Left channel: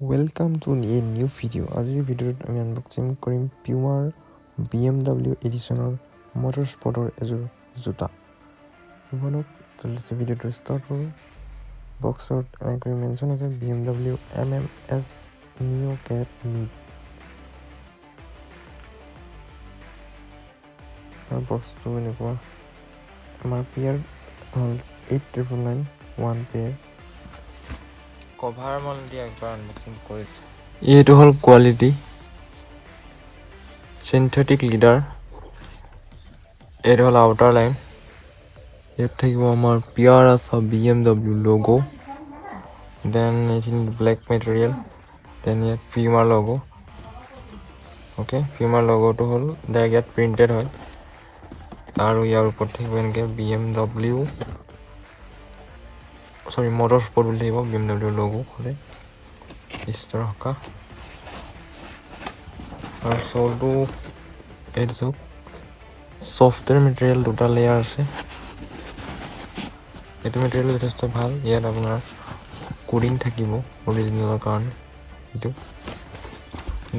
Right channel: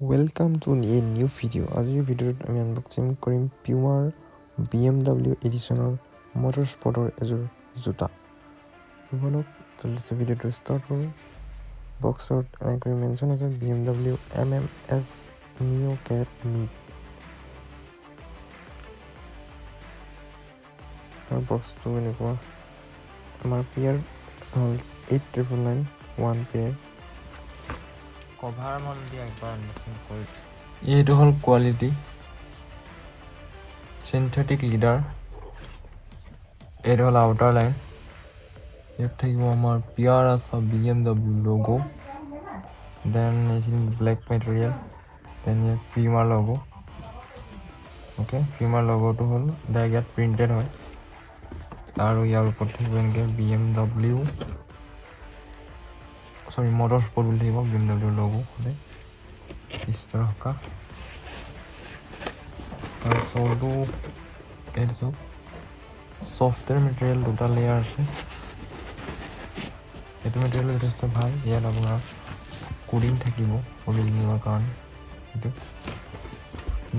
Welcome to a new video. আজিৰ ভিডিঅ'ত আমি আনবক্সিং কৰিম PUMAৰ BMW এডিশ্যনৰ মটৰস্পৰ্টৰ এযোৰ জোতা। বলক জলদি ভিডিঅ'টো ষ্টাৰ্ট কৰোঁ। বক্সত এনেকৈ মেনশ্যন আছে BMW MMS Neo Cat Meet। আৰু বক্সটো এনেকুৱা MRP হ'ল 8,999 1 pair। কভাৰ মন দিয়া একবাৰ আনবক্সিং কৰি এইটো হ'ল কোৱালিটি সিনথেটিক লিডাৰ। এইটো হ'ল আউটাৰ লাইন। ইয়াত থাকিব আমাৰ আছে BMW লোগো, দেন এইখিনি ব্লেক মেটেৰিয়েল, দেন ইয়াত PUMA লোগো। অ'কে, PUMA লোগোটো হ'ল ডাইৰেক্ট ইয়াত প্ৰিণ্টেড হয়। আৰু ইয়াৰ ওপৰত থাকিব এনেকৈ BMW মটৰস্পৰ্ট বুলি থাকিব BMW লোগো হ'লে ষ্টাৰ থকা। আৰু চৌটো এইটো চাওক, ছফ্টৱেৰ মেটেৰিয়েল দুটা লেয়াৰ আছে। এইটো মেটেৰিয়েল যথেষ্ট ভাল। ইয়াত আপোনাৰ কোডিং থাকিব অৰিজিনেলৰ কাৰণে। এইটো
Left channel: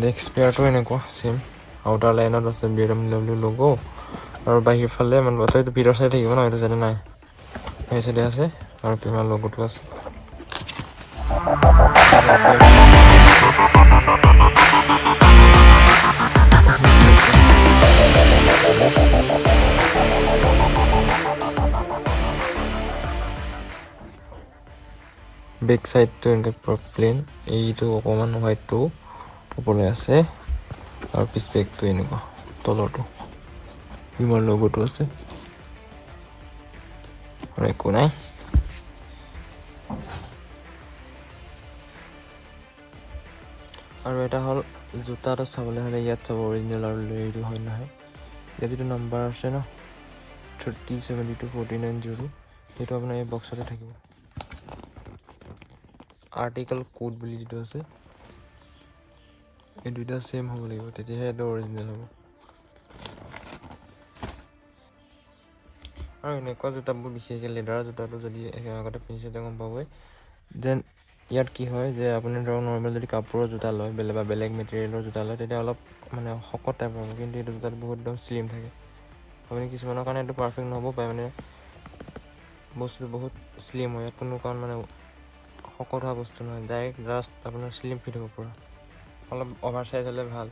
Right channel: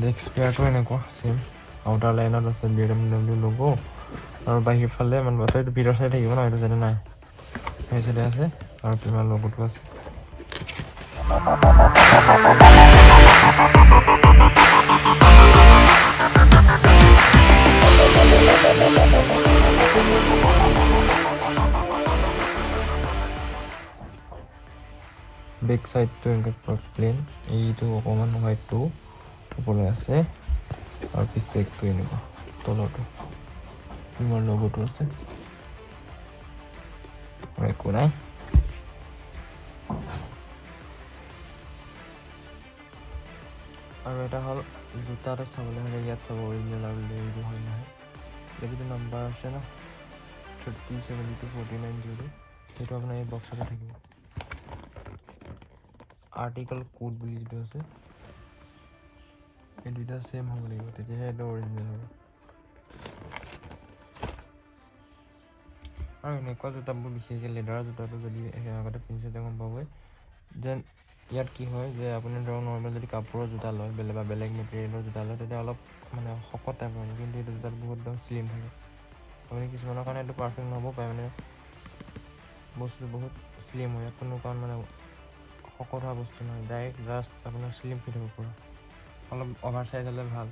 নেক্সট পেয়াৰটো এনেকুৱা চেম আউটাৰ লাইনত আছে BMW লোগো, আৰু বাহিৰ ফালে মানে এইটো ভিতৰ চাইডে থাকিব ন, এইটো চাইডে নাই, সেই চাইডে আছে আৰু PUMA লোগোটো আছে। বেক সাইডটো এনেকৈ প্লেন, এইটো অকণমান হোৱাইটটো ওপৰলৈ আছে, আৰু পিছ বেগটো এনেকুৱা তলৰটো PUMA লোগোটো আছে, আৰু একো নাই। আৰু এটা হ'ল জোতাটো চাবলৈ হ'লে ইয়াত চাব অৰিজিনেল আৰু এইটো হয় নহয়। ইয়াত যিটো নাম্বাৰ আছে ন 307249 সেইটো আপোনাৰ এই বক্সতে থাকিব। আৰ্টিকেল কোড বুলি যিটো আছে এই দুইটা চেম হ'ব লাগিব, তেতিয়াহে এইটো অৰিজিনেল হ'ব। আৰু এনেকুৱা জোতাবোৰ বিশেষকৈ লেডাৰৰ জোতাটো যদি আগতে পিন্ধিছে গম পাবই। দেন ইয়াত কি হয় যে আপুনি ধৰক নৰ্মেল যদি কাপোৰৰ জোতা লয় বা বেলেগ মেটেৰিয়েলৰ জোতা লয় তেতিয়া অলপ মানে শকত টাইপৰ হ'ব, কিন্তু এইটো জোতাত বহুত একদম শ্লিম থাকে। আপুনি কিছুমানৰ কাৰণে এইটো পাৰফেক্ট নহ'ব পাৰে, মানে বস্তুটো বহুত শ্লিম হয়। ইয়াত কোনো কাৰণ মানে শকত হোৱা বস্তু নহয়, ডাইৰেক্ট জাষ্ট আপোনাৰ শ্লিম ফিট হ'ব পৰা। অলপ অভাৰ চাইজ হ'লে ভাল।